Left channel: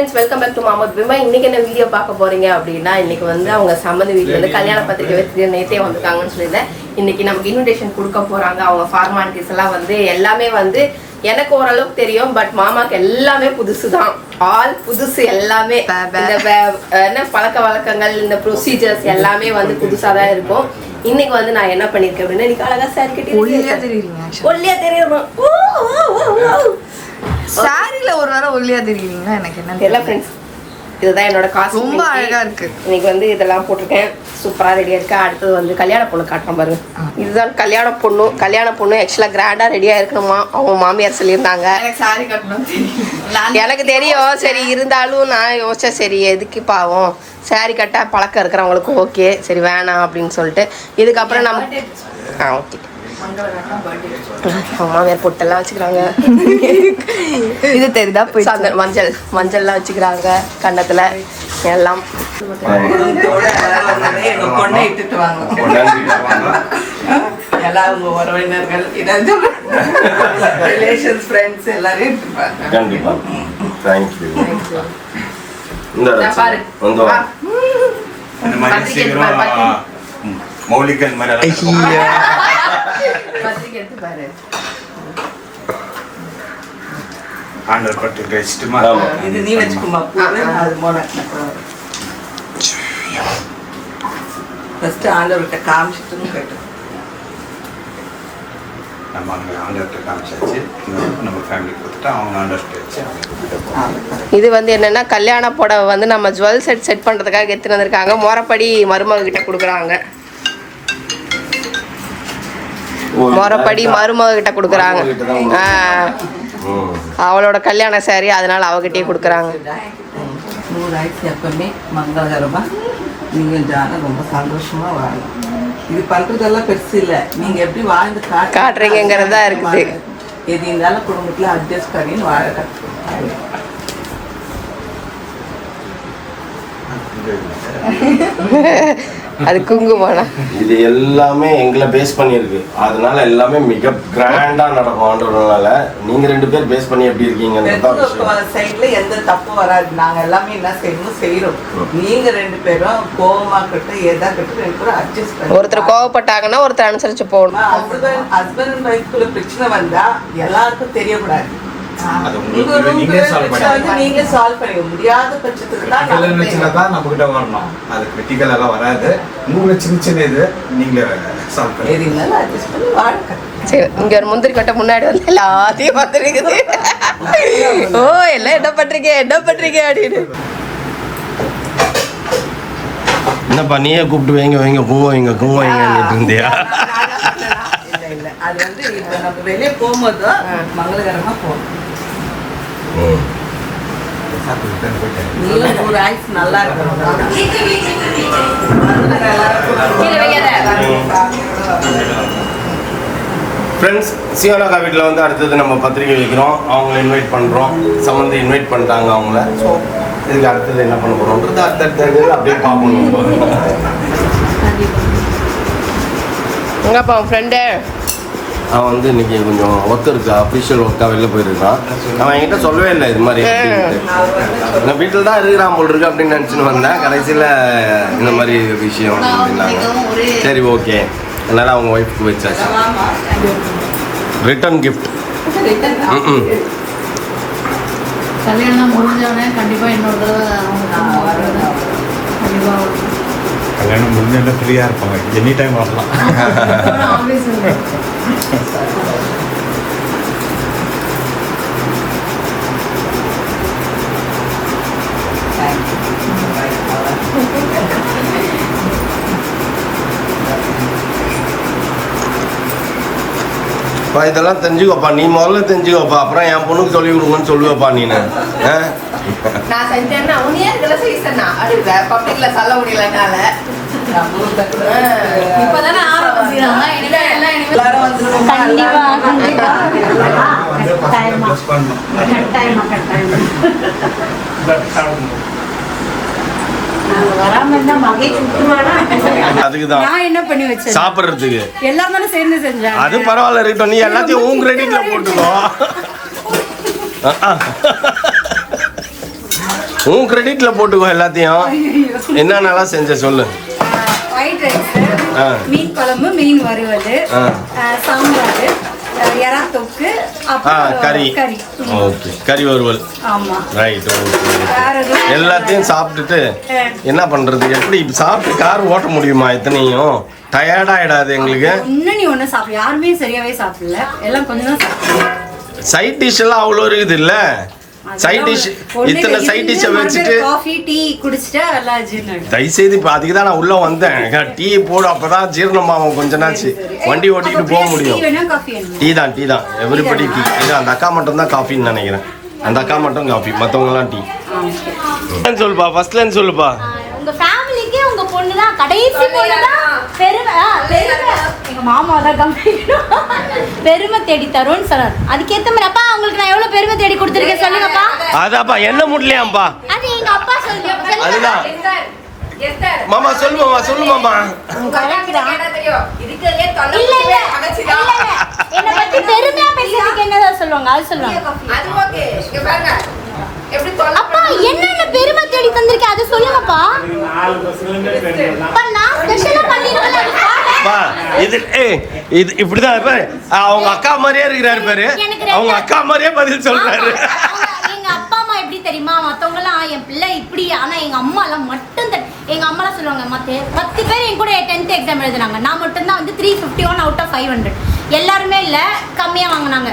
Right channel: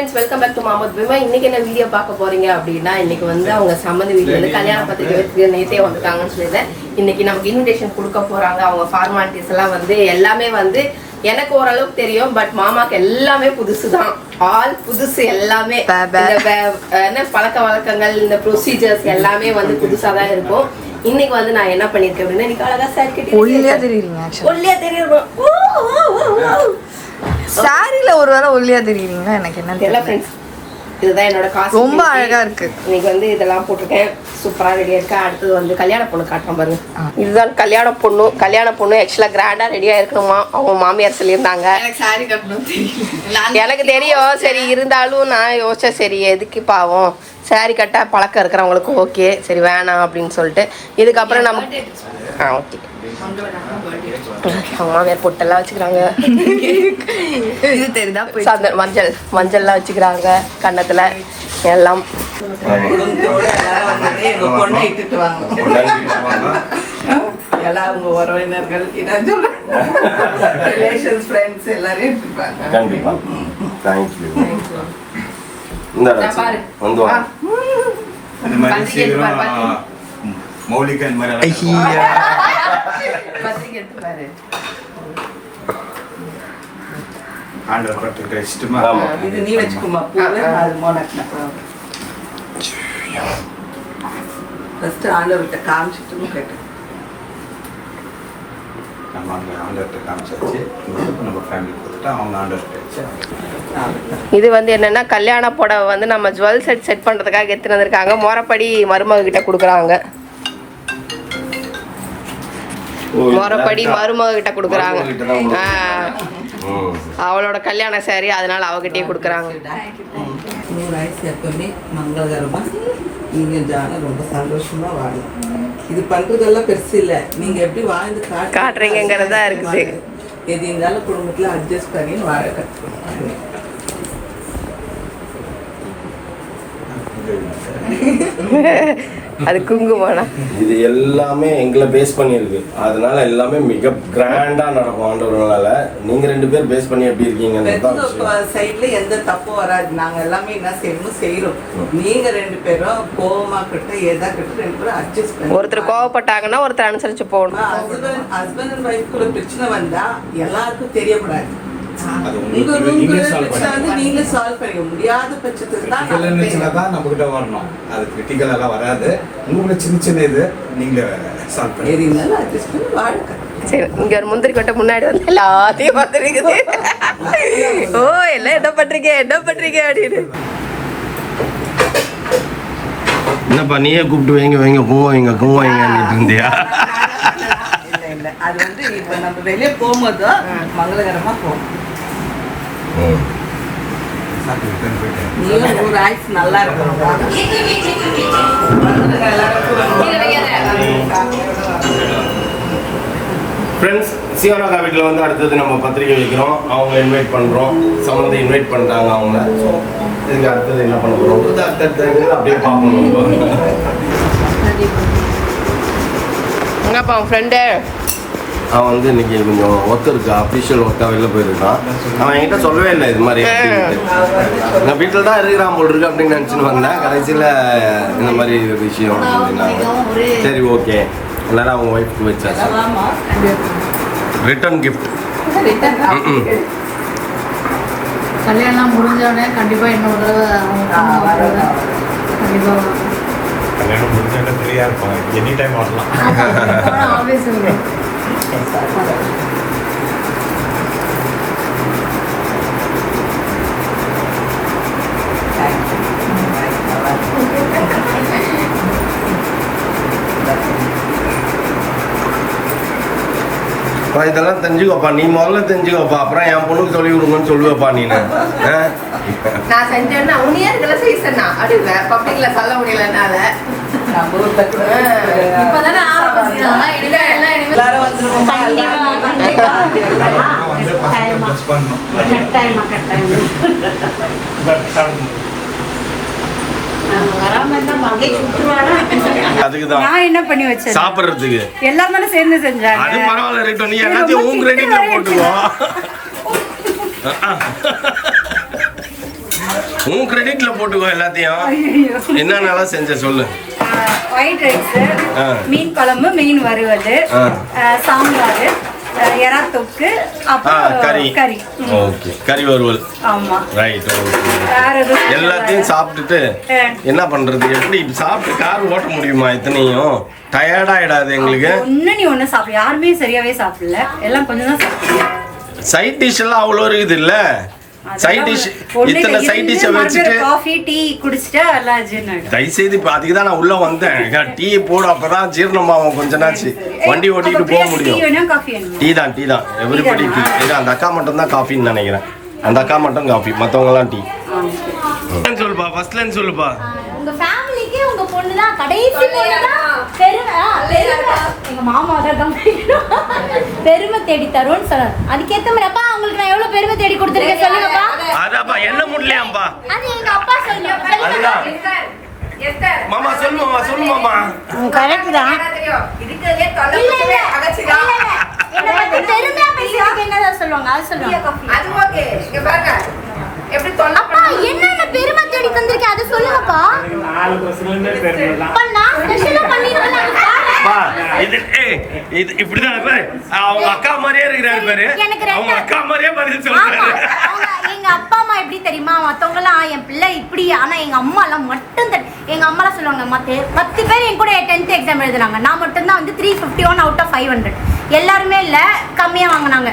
friends, welcome back to Mahmood Bima. இன்னைக்கு என்ன video பார்க்க போறீங்க அப்படினா இன்னைக்கு வந்து அவங்க சம்பந்த வீட்ல இருந்து கல்யாண பத்திரிக்கை வச்சு நேத்தே வந்திருக்காங்கன்னு சொல்லிட்டேன். இன்னைக்கு நமக்கு இன்விடேஷன் கொடுக்க போறாங்க. அவங்க ஃபார்மாலிட்டிஸ் எல்லாம் வந்து எல்லாமே வந்து எனக்கு ஓரளவுக்கு தெரியும், பட் மாமாக்கு எல்லாமே புதுசுதான். ஆல் புதுசு எல்லாமே. என்ன பழக்க வழக்கங்கள், இந்த ப்ரொசீஜர்ஸ் எல்லாமே வந்து புதுசா தான் இருக்கும். இன்னைக்கு வந்து நான் என்ன பண்ணிருக்கேன் அப்படின்னா, இன்னைக்கு அழகா சார் கிட்ட ஒல்லியா தெரியுறீங்க. ஒல்லியா தெரியும். சாரில ஒரு வேளை ஒல்லியா தெரியுறீங்களா? எனக்கு என்ன தெரியல ஃப்ரெண்ட்ஸ். இதுதான் என்னோட காசு. ரொம்ப அழகா இருக்கு. இன்னைக்கு வந்து இதெல்லாம் போட்டிருக்கேன். சூப்பரா ரெடியா இருக்கா. அடுத்தது வந்து கல்யாண பொண்ணு காட்டுறேன் பாருங்க. இதுதான் கல்யாண பொண்ணு. கல்யாண பொண்ணு ஆக்சுவலா கிராண்டா ரெடியா இருக்கணுமா அவங்க மாமியார் சொல்லியிருந்தாங்க. எனக்கு தெரியும். சரி இருந்தாலும் நான் யோசிச்சேன், சரி எதுக்கு பாவம் சாரி கட்ட பழக்கம் இருக்கிறவங்களுக்கு ஓகே, சரி வேணாம் அப்படின்னு சொல்லிட்டு இதுக்கப்புறம் நம்ம ஓகே மாமியார் பொட்டெல்லாம் வச்சுக்கிறாங்க. இது தெரியுதா? மஞ்சள்லாம் வச்சுக்கிறாங்க கன்னத்துல எல்லாம். இது நீ வச்சுக்குமா? ஃபர்ஸ்ட் ஆண்டவர்கிட்ட காமிச்சிட்டு போயிட்டு நம்ம அங்கே ஆண்டவர்கிட்ட காமிச்சாச்சு. நம்ம ஃபேமிலி கொடுத்துட்டு அவங்க ஆண்டவர்கிட்ட. இது வந்து என்னன்னா கல்யாண புடவை வந்து நம்ம ஜுவல் செட் பண்றதுக்காக எடுத்துட்டு வந்திருக்காங்க. முறைப்படி மருமக கிட்ட கொடுக்குறாங்க. முறைப்படி மருமக கிட்ட கொடுக்குறாங்க. அவளோட கல்யாண சாரி, அதனால அவகிட்டே கொடுக்குறாங்க. எப்பவுமே மங்களகரமா நீங்க ஜான ரொம்ப சந்தோஷமா வாழலாம். இது பண்றதெல்லாம் பெருசு இல்ல, நீங்க எப்படி வாழ்ந்து காட்டுறீங்கிறதா இருக்குது. எது இருந்தாலும் குடும்பத்துல அட்ஜஸ்ட் பண்ணின்னு வாழ கற்றுக்கணும். அது குங்குமம்னா இது எல்லாமே எங்களை பேஸ் பண்ணியிருக்கு. அதனால எல்லாமே மிக கிராண்டா நடக்கும் ஆண்டவனால. நீங்க ரெண்டு பேர் பேஸ் பண்ணி எப்படி இருக்கீங்க சைட்ல எந்த தப்பும் வராது. நாங்க எல்லாமே என்ன செய்யறோம். நீங்க ரெண்டு பேரும் கோவமா கிட்ட எதா கிட்ட ரெண்டு பேரும் அட்ஜஸ்ட் பண்ணி, ஒருத்தர் கோவப்பட்டாங்கன்னா ஒருத்தர் அனுசரிச்சு போகணும். ஹஸ்பண்ட் அண்ட் ஒய்ஃப்குள்ள பிரச்சனை வந்தா எல்லாருக்கும் தெரியக்கூடாது. நீங்களே சால்வ் பண்ணிக்க முடியாத பட்சத்துக்கு தான் நம்ம கிட்ட வரணும். அது கிரிட்டிக்கல் எல்லாம் வராது. உங்களுக்கு சின்ன சின்ன இது நீங்களே சால்வ் பண்ணி. சரி, இங்க ஒரு முந்திரி கொட்டை முன்னாடி வந்து எல்லாத்தையும் வந்துருக்குது. ஓ எல்லாம் என்ன பண்றீங்க அப்படின்னு. என்னப்பா நீயே கூப்பிட்டு வைங்க குங்குமம் வைங்கன்னு இருந்தியா? அது வந்து இப்ப நம்ம வெளியே போகும்போது மங்களகரமா போகணும். நல்லா இருக்கும். ஃப்ரெண்ட்ஸ், சிவனாக்கா வீட்டில் வந்து அடுத்தது நம்ம பத்திரிக்கை வைக்கிறோம். அவங்கள இன்வைட் பண்ணுறோம். சம்மந்தி இன்வைட் பண்ணிட்டாங்க அவங்கள. ஸோ இதுக்கு அடுத்தது என்ன பண்ண போகிறோன்றது அடுத்தடுத்து அப்படியே பார்ப்போம். எங்கப்பா உன் ஃப்ரெண்டு? அவன் வந்து இன்னைக்கு கொஞ்சம் ஒர்க் இருக்கு, அஃபிஷியல் ஒர்க்காக வெளில போயிருக்கான். அவன் என்கிட்ட சொல்லவே இல்லை இது மாதிரி அப்படின்ட்டு. நான் வீட்டில் தான் இருக்கிறான் போல் இருக்கு அப்படின்னு நினச்சின்னு வந்தேன். கடைசியில் இந்த மாதிரி விஷயம் அப்படின்னாங்க. சரி ஓகே, அதனால் அவங்க ஒய்ஃப்க்கு வச்சாச்சு. Return gift. கல்யாணம் முடிஞ்சோடனே கண்டிப்பாக இன்னொரு தடவை கல்யாணம் முடிஞ்ச ஃப்ரீயாக இருக்கும். எனி டைம் வரலாம். ஆஃபீஸ் இதெல்லாம் தெரிஞ்சுக்கோப்பா. நீ முதல்ல தெரிஞ்சுக்கோப்பா, அப்புறம் என் பொண்ணுக்கு சொல்லி கொடுங்கன்னு சொல்லுவேப்பா நீனு. நான் செஞ்சேன்னா உன்னையே இதெல்லாம் செய்யறேன்னா அது பப்ளிக்ல சொல்ல முடியலனால இப்பதானே அதுக்குதான் நான் என்ன பண்ணி வச்சேன் சாப்பிடுறதுக்கு எல்லாரும் தானே சேர்ந்து செஞ்சாங்க. அது பரவாயில்ல இருக்கட்டும், நீ எல்லாத்தையும் உன் கிரெடிட்ல போட்டுக்கோ. உன் கிரெடிட்ல போட்டுக்கோ எல்லாத்தையும். என்னென்னலாம் செஞ்ச சொல்லு. ஒயிட் ரைஸ், ஆ. மீன் குழம்பு, மீன் வறுவல், ஆ. சாம்பார், எறா தொக்கு, அப்புறம் கறி. கறி. ஓகே, கறி வறுவல். ஆமா. Right, okay. வேற எதுவும் எல்லாத்தையும் சாப்பிட்டுட்டு என்ன பண்றது? எப்படி சாப்பிட்டு கார் ஓட்ட முடியுமா? இத்தனையும் டயர்ட் ஆயிடாது எங்களுக்கு. ஒண்ணு நீ ஒண்ணு சாப்பிடு. யாருமே சரியாவே சாப்பிடல, எல்லாம் கொஞ்சம் தான் சாப்பிடுங்க. சைட் டிஷ் எல்லாம் அவ்வளோ இருக்குது இல்ல? சைட் டிஷ் இத்தனை சைட் டிஷ்ஷை வச்சுட்டு காஃபி டீ குடிச்சிட்டா எல்லாம் ஜீரணம். தயவுசெய்து இப்போ அதுக்கு தான் நான் உள்ள வந்தேன். டீ போடு, அப்பதான் ஜீரணமாகும் கொஞ்ச நாச்சு. வண்டி ஓட்டிட்டு போக முடியும். டீ தான் எவ்ரிபடி டீ. இது அந்த அக்கா மட்டும் தான் காஃபின்னு நினைக்கிறேன். அந்த அக்கா மட்டும் காஃபி, மற்றவங்க எல்லாம் டீ. சொல்லுப்பா, ஃபர்ஸ்ட்லன்னு சொல்லுப்பா. உங்க ஃபேமிலிக்கு உங்க பொண்ணு தான் கடைசி பொண்ணு தான் பெருமை. எங்க மாமா தான் பெருமை தேடி தரும்னு சொன்னார். அதுக்கேற்ற மாதிரி அப்பா உங்களுக்கு நான் எவ்வளவு பெருமை தேடி கொடுத்துருக்கேன் சொல்லுங்கப்பா. அதாப்பா என்ன முடியலையாப்பா? அது எங்க அப்பா சொல்லி. அதுதான் மாமா சொல்லு மாமா. என்ன பத்தி பெருமையா பேசுறதுக்கு என்னதான் சொல்லுவாங்க? அது சொல்லுவாங்க. அப்பா என்னென்ன பெருமை தேடி தந்திருக்கேன் அது சொல்லுங்கப்பா. இது இப்படிதான் இருப்பாரு. அவங்க அக்கா மாதிரியே இருக்கிறாரு பாரு. அவங்க அக்கா மாதிரியே பதில் சொல்றாரு. எங்க அப்பா அம்மா எப்படி தெரியுமா? மத்தவங்க எல்லாம் என் பிள்ளை இப்படி, ஆனா எங்க அம்மா எல்லாம் மட்டும் எங்க அம்மா எல்லாம் சொல்லுவாங்க 10 பேர் என் கூட 10th எக்ஸாம் எழுதுனாங்க. நான் மட்டும்தான் வந்து 351 out of 500. எல்லாருமே இல்ல கம்மியா வாங்கினாங்க.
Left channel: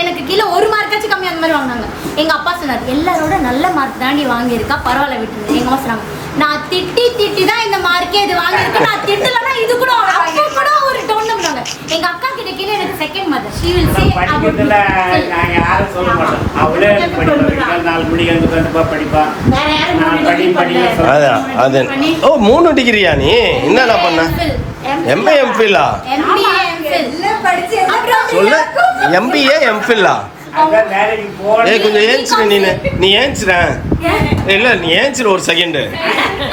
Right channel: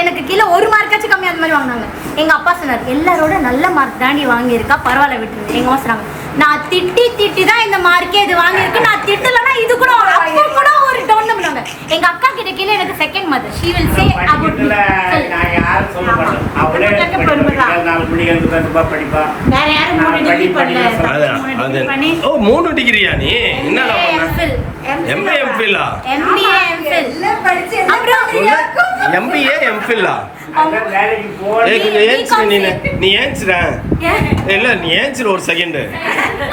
எனக்கு கீழே 1 மார்க்காச்சும் கம்மியா அந்த மாதிரி வாங்கினாங்க. எங்க அப்பா சொன்னார் எல்லாரோட நல்ல மார்க் தான் நீ வாங்கியிருக்கா, பரவாயில்ல விட்டுருங்க. எங்க அம்மா சொன்னாங்க நான் திட்டி தான் இந்த மார்க்கே இது வாங்கியிருக்கு. நான் திட்டலன்னா இது கூட அப்போ கூட ஒரு டவுன் பண்ணுவாங்க. எங்க அக்கா கிட்ட கீழே எனக்கு second mother. She will say about me. நான் யாரும் சொல்ல மாட்டேன். அவளே நாலு மணிக்கு வந்து கண்டிப்பா படிப்பா. வேற யாரும் படிப்பா. அதான். ஓ 3 டிகிரியா நீ? என்னடா பண்ண? MA MPhil. MBA MPhil அப்புறம் சொல்லு. MBA MPhil. ஏய் கொஞ்சம் ஏஞ்சிரு நீ ஏஞ்சிர. இல்ல நீ ஏஞ்சிரு ஒரு செகண்ட்.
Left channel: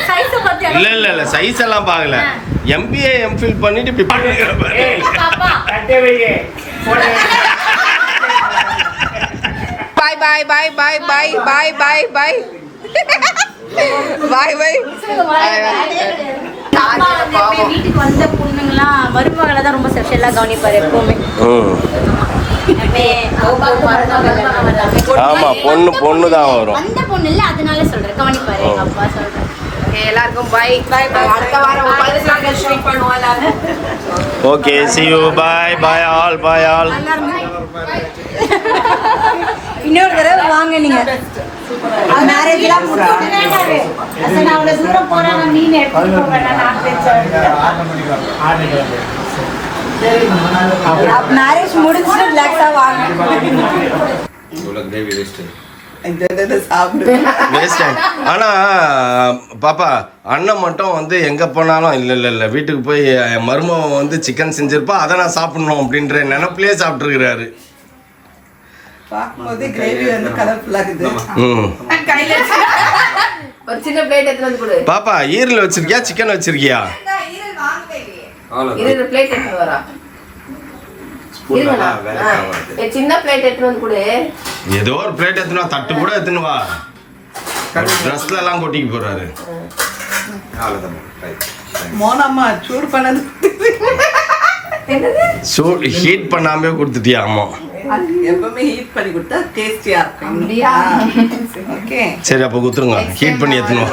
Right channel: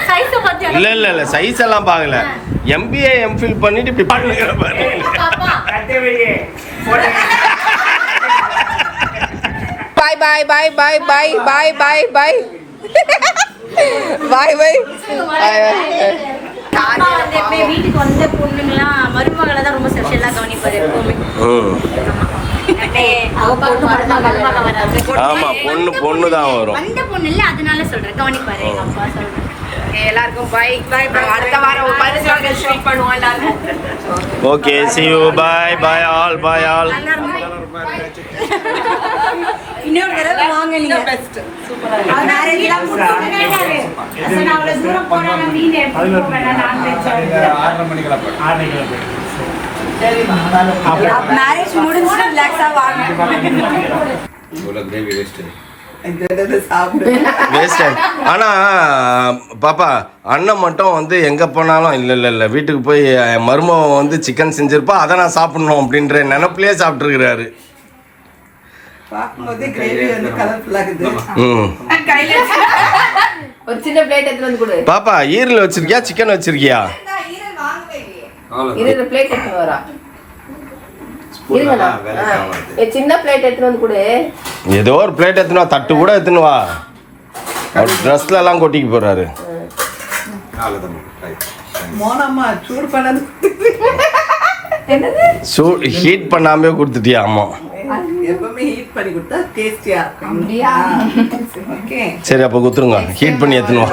சைஸ் பத்தி இல்ல சைஸ் எல்லாம் பார்க்கல. MBA MPhil பண்ணிட்டு இப்படி பாடுற பாரு. பாப்பா பாய் அப்பா வந்து வீட்டுக்கு வந்த பொண்ணுங்களாம் மருமகளை தான் ரொம்ப செக்ஷன்லாம் கவனிப்பாரு எப்பவுமே. ஆமா பொண்ணு தான் வரும். வந்த பொண்ணு இல்ல அதனால சொல்றேன் கவனிப்பாரு. அப்பா சொல்றேன். எல்லாருக்கும் பை. அடுத்த வாரம் ஒரு 10 நாள் ஷூட் பண்ணுவோம் எல்லாரும். Okay see you bye all. இன்னொரு தடவை வாங்க நீங்க. மேரேஜ்லாம் முடிச்சிட்டு நான் அவ்வளவு தூரம் போறாங்க மீன் எடுத்து போறேன். மேரேஜ் முடிஞ்சு ரிலாக்ஸா வாங்க. வேஸ்ட். ஆனா பாப்பா அண்ணன் மட்டும் வந்து எங்க போனாலும் இல்ல வீட்டுக்கு போய் மருமகன் வந்து சிக்கன் செஞ்சிருப்பா அதை நான் சாப்பிடணும் அப்படின்ற நினைப்பிலே சாப்பிட்டு இருக்கிறாரு. ஒரு சின்ன பிளேட் எடுத்து வந்து கொடு. பாப்பா ஈரல் வச்சிருக்கியா சிக்கன் வச்சிருக்கியா? இது பிளேட் எடுத்து வரா. சின்ன பிளேட் எடுத்து வந்து கொடு. ஏதோ ஒரு பிளேட் எடுத்துனா தட்டு கூட எடுத்துன்னு வா. ட்ரெஸ்ல எல்லாம் கொட்டிக்கு போறாரு. மோனம்மா சூடு பண்ணது ஹீட் பண்ணாமே கொடுத்துட்டியா? ஆமா எப்பவுமே ஹீட் பண்ணி கொடுத்தா டேஸ்டியா இருக்கும். ஓகே சரி அப்ப குத்துருங்க. ஹீட் பண்ணி எடுத்துன்னு வா.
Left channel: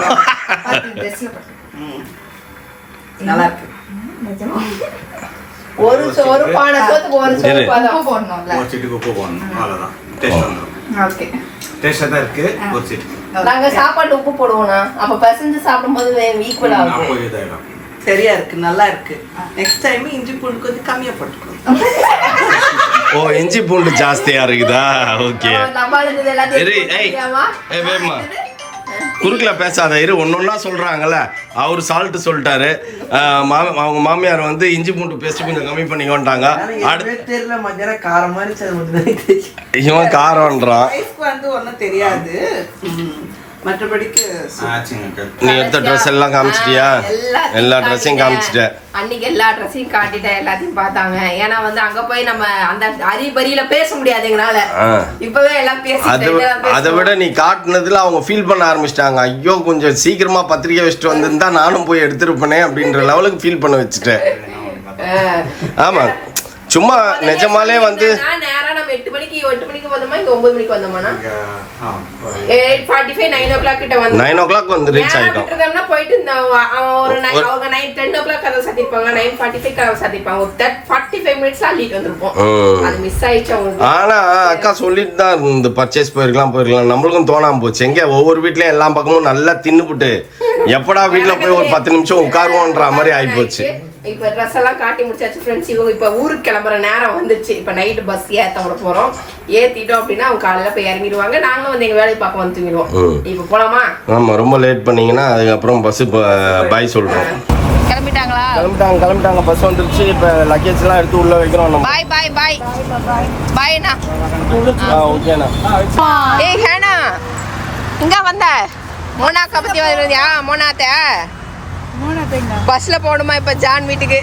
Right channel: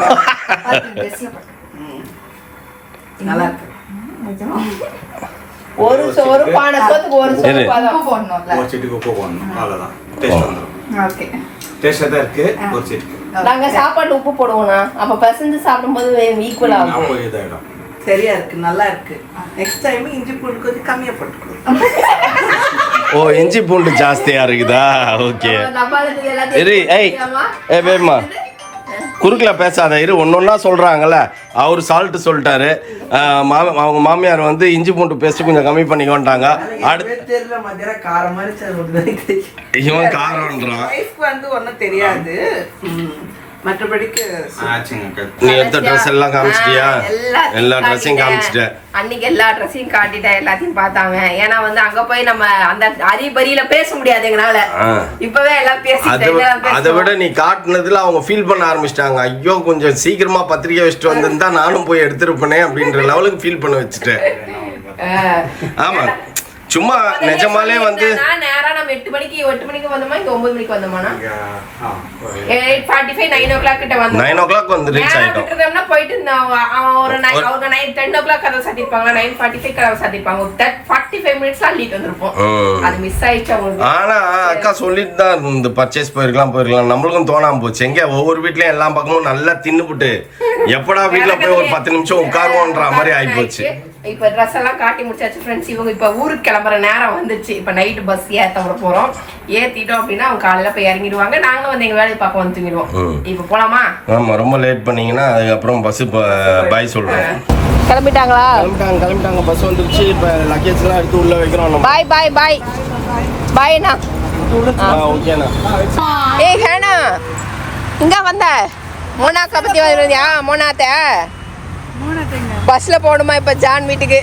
நல்லா இருக்கு. ஒரு பானை சோத்துக்கு ஒரு சரி. உப்பு போடணும்ல. ஒரு சிட்டுக்கு உப்பு போடணும், அவ்வளோதான். டேஸ்ட் வந்துடும். ஓகே டேஸ்டாக தான் இருக்கு. ஒரு சிட்டு நாங்க சாப்பாடு உப்பு போடுவோம்னா அப்ப பசந்து சாப்பிடும்போது ஈக்குவல் ஆகும். அப்போ இதாயிடும். சரியா இருக்கு, நல்லா இருக்கு. நெக்ஸ்ட் டைம் இஞ்சி பூண்டு கொஞ்சம் கம்மியா போட்டுக்கணும். ஓ இஞ்சி பூண்டு ஜாஸ்தியா இருக்குதா? ஓகே இரு. ஏய் வேமா குறுக்கல பேசாத இரு. ஒன்னொன்னா சொல்றாங்கல்ல. அவர் சால்ட் சொல்லிட்டாரு. அவங்க மாமியார் வந்து இஞ்சி பூண்டு பேஸ்ட் கொஞ்சம் கம்மி பண்ணிக்கோன்ட்டாங்க. அடுத்து இவன் காரம்ன்றான். வந்து ஒன்றும் தெரியாது. மற்றபடிக்கு ஆச்சுங்க நீ எடுத்த ட்ரெஸ் எல்லாம் காமிச்சிட்டியா? எல்லா ட்ரெஸ்ஸையும் காமிச்சிட்ட. அன்னைக்கு எல்லா ட்ரெஸ்ஸையும் காட்டிட்டேன், எல்லாத்தையும் பார்த்தாங்க. ஏன்னா வந்து அங்க போய் நம்ம அந்த அரிபரியில பேச முடியாது எங்கனால. இப்பவே எல்லாம் அதை விட நீ காட்டுனதுல அவங்க ஃபீல் பண்ண ஆரம்பிச்சிட்டாங்க. ஐயோ கொஞ்சம் சீக்கிரமா பத்திரிக்கை வச்சுட்டு வந்திருந்தா நானும் போய் எடுத்துருப்பேனே அப்படின்ற லெவலுக்கு ஃபீல் பண்ண வச்சுட்டேன். ஆமா சும்மா நிஜமாலே வந்து நேரா நம்ம 8 மணிக்கு வந்தோமா, இங்க 9 மணிக்கு வந்தோமானா 8:45 9 o'clock கிட்ட வந்து 9 o'clock வந்து ரீச் ஆயிட்டோம். போயிட்டு ஒரு 9 அவங்க 10 o'clock கதவு சாத்திருப்பாங்க, 9:45 கதவு சாத்திருப்பாங்க. 45 minutes லீட் வந்திருப்போம். அது மிஸ் ஆயிடுச்சு அவங்களுக்கு. ஆனா அக்கா சொல்லிட்டு தான் இருந்து பர்ச்சேஸ் போயிருக்கலாம். நம்மளுக்கும் தோணாம போச்சு. எங்க ஒவ்வொரு வீட்லயும் எல்லா பக்கமும் நல்லா தின்னுபுட்டு எப்படா வீட்டுல போய் ஒரு 10 நிமிஷம் உட்காருவோன்ற மாதிரி ஆயிப்போச்சு. இப்ப ட்ரெஸ் எல்லாம் காட்டி முடிச்சாச்சு ஃப்ரெண்ட்ஸ். இவங்க இப்ப ஊருக்கு கிளம்புற நேரம் வந்துச்சு. இப்ப நைட்டு பஸ் ஏத்த போறோம். ஏத்திட்டோம் அப்படின்னா அவங்க காலையில போய் இறங்கிடுவாங்க. நாங்களும் வந்து எங்க வேலையை பார்க்க வந்து தூங்கிடுவோம். இப்ப போலாமா? ஆமா ரொம்ப லேட் பண்ணீங்கன்னா அதுக்கப்புறம் பஸ் பாய் சொல்றோம். கிளம்பிட்டாங்களா? கிளம்பிட்டாங்க. பஸ் வந்துருச்சு. இப்ப லக்கேஜ் எல்லாம் எடுத்து உள்ள வைக்கிறோம். பாய் பாய் பாய் பாய்ண்ணா. ஓகேண்ணா. ஏய் ஹேனா இங்க வந்த மோனாக்கா பத்தி வருவியா? மோனாத்த பஸ்ல போகணுமா இப்ப ஜான் வீட்டுக்கு?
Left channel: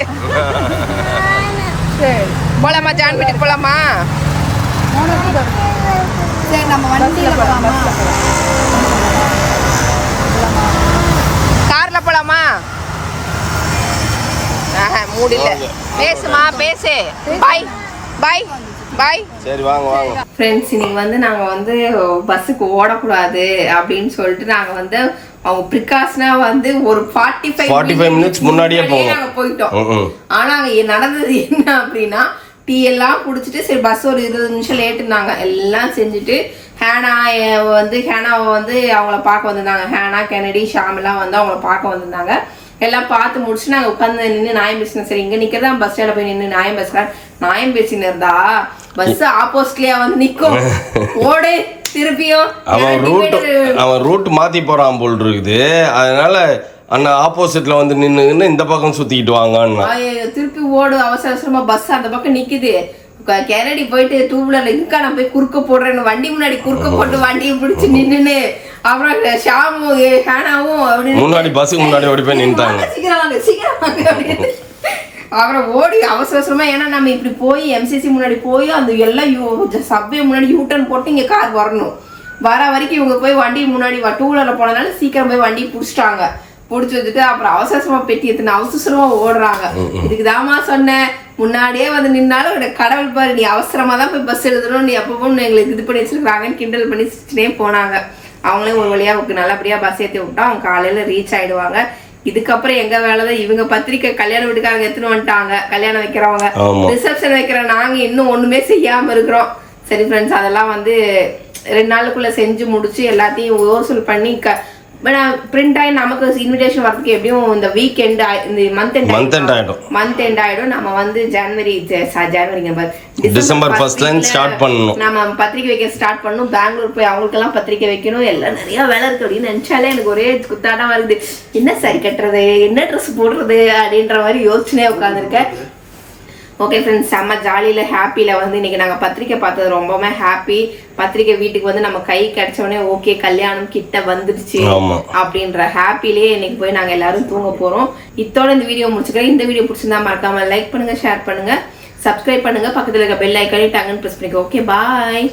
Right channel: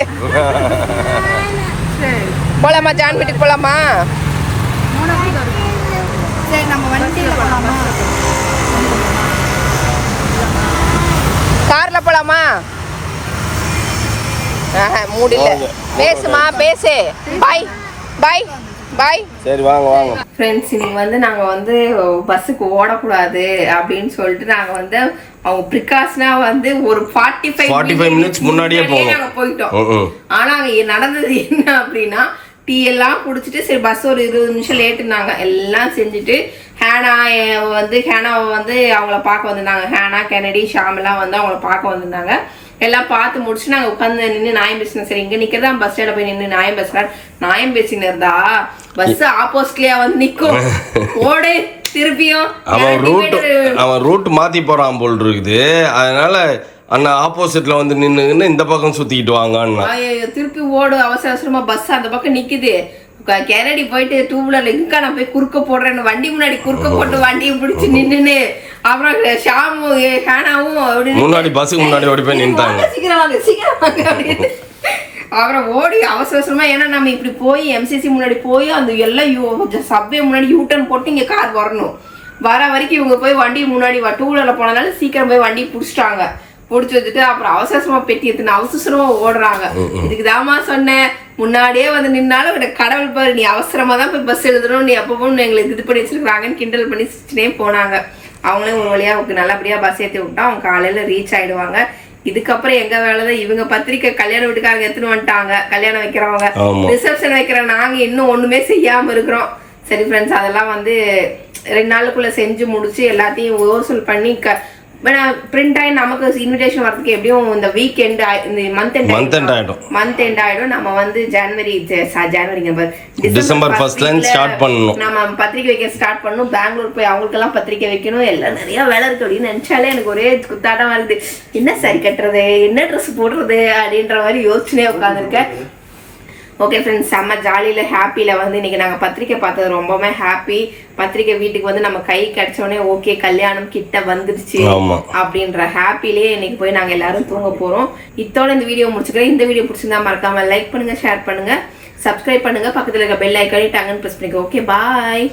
போலாமா? ஜான் வீட்டுக்கு போலாமா? சரி நம்ம வண்டியில போலாமா? கார்ல போலாமா? மூடு இல்ல. பேசுமா பேசு. பாய் பாய் பாய். சரி வாங்க. ஃப்ரெண்ட்ஸ் இன்னைக்கு வந்து நாங்க வந்து பஸ்ஸுக்கு ஓடக்கூடாது அப்படின்னு சொல்லிட்டு நாங்க வந்து அவங்க ப்ரிகாஷனா வந்து ஒரு 45 மினிட்ஸ் முன்னாடியே நாங்க போயிட்டோம். ஆனா அங்க நடந்தது என்ன அப்படின்னா, டீ எல்லாம் குடிச்சிட்டு சரி பஸ் ஒரு 20 நிமிஷம் லேட்டுனாங்க. எல்லாம் செஞ்சுட்டு ஹேனாவை வந்து அவங்கள பார்க்க வந்திருந்தாங்க. ஹேனா கெனடி ஷாம் எல்லாம் வந்து அவங்கள பார்க்க வந்திருந்தாங்க. எல்லாம் பார்த்து முடிச்சு நாங்கள் உட்காந்து நின்று நியாயம் பேசினோம். சரி இங்கே நிற்கிறதா பஸ் ஸ்டாண்டில் போய் நின்று நியாயம் பேசுகிறேன். நியாயம் பேசின்னு இருந்தா பஸ் ஆப்போசிட்லயா வந்து நிற்கும். ஓடு திருப்பியும் அவன் ரூட் மாத்தி போறான் போல் இருக்குது. அதனால அண்ணா ஆப்போசிட்ல வந்து நின்று இந்த பக்கம் சுத்திக்கிட்டு வாங்க. திருப்பி ஓடு அவசரமா பஸ் அந்த பக்கம் நிக்குது. கெனடி போயிட்டு 2 வீலர்ல இங்கா நான் போய் குறுக்க போடுறேன்னு வண்டி முன்னாடி குறுக்க போட்டு வண்டியை பிடிச்சு நின்னுன்னு அப்புறம் ஷாமும் ஹேனாவும் முன்னாடி பஸ்ஸுக்கு முன்னாடி ஓடி போய் நின்றாங்க. சீக்கிரம் அப்படின்னு அப்புறம் ஓடி அவசரமா. ஏன்னா நம்ம இப்படி போய் எம்சிசி முன்னாடி போய் அந்த எல்லாம் சப்வே முன்னாடி யூட்டர்ன் போட்டு இங்க கார் வரணும். வர வரைக்கும் இவங்க போய் வண்டி முன்னாடி 2 வீலர்ல போனதுனால சீக்கிரம் போய் வண்டி பிடிச்சிட்டாங்க. பிடிச்சி வச்சுட்டு அப்புறம் அவசரமா பெட்டி எடுத்துன்னு அவசரமா ஓடுறாங்க. இதுக்கு தாமா சொன்னேன் முன்னாடியே வந்து நின்னாலும் கடவுள் பாரு நீ அவசரமா தான் போய் பஸ் எழுதணும், நீ அப்போ எங்களுக்கு இது பண்ணி வச்சிருக்காங்கன்னு கிண்டல் பண்ணி சிரிச்சுனே போனாங்க. அவங்களே ஒரு வழியா நல்லபடியா பஸ் ஏற்றி விட்டா அவங்க காலையில ரீச் ஆயிடுவாங்க. இதுக்கப்புறம் எங்க வேலைதான் இவங்க பத்திரிக்கை கல்யாண வீட்டுக்காரங்க எடுத்துன்னு வந்துட்டாங்க. கல்யாணம் வைக்கிறவங்க ரிசப்ஷன் வைக்கிற நாங்க இன்னும் ஒண்ணுமே செய்யாம இருக்கிறோம். சரி ஃப்ரெண்ட்ஸ் அதெல்லாம் வந்து 2 நாளுக்குள்ள செஞ்சு முடிச்சு எல்லாத்தையும் யோசல் பண்ணி பிரிண்ட் ஆகி நமக்கு இன்விடேஷன் வரதுக்கு எப்படியும் இந்த வீக்கெண்ட் இந்த மந்த் எண்ட் ஆயிடும். நம்ம வந்து டிசம்பர் ஃபர்ஸ்ட்ல ஸ்டார்ட் பண்ணனும். நம்ம பத்திரிக்கை வைக்க ஸ்டார்ட் பண்ணனும். பெங்களூர் போய் அவங்களுக்கு எல்லாம் பத்திரிக்கை வைக்கணும். எல்லாம் நிறைய வேலை இருக்கு அப்படின்னு நினைச்சாலே எனக்கு ஒரே குத்தாட்டமா இருக்குது. என்ன சரி கட்டுறது, என்ன ட்ரெஸ் போடுறது அப்படின்ற மாதிரி யோசனையே உட்காந்துருக்கேன். ஓகே ஃப்ரெண்ட்ஸ் செம்ம ஜாலியில் ஹாப்பியில் வந்து இன்றைக்கி நாங்கள் பத்திரிக்கை பார்த்தது ரொம்பவுமே ஹாப்பி. பத்திரிக்கை வீட்டுக்கு வந்து நம்ம கை கிடைச்சோடனே ஓகே கல்யாணம் கிட்ட வந்துடுச்சு அப்படின்ற ஹாப்பிலேயே இன்னைக்கு போய் நாங்கள் எல்லாரும் தூங்க போகிறோம். இத்தோட இந்த வீடியோ முடிச்சுக்கிறேன். இந்த வீடியோ பிடிச்சிருந்தா மறக்காமல் லைக் பண்ணுங்கள், ஷேர் பண்ணுங்கள், சப்ஸ்கிரைப் பண்ணுங்கள், பக்கத்தில் இருக்க பெல் ஐக்கானே டங்குன்னு ப்ரெஸ் பண்ணிக்கோ. Okay bye.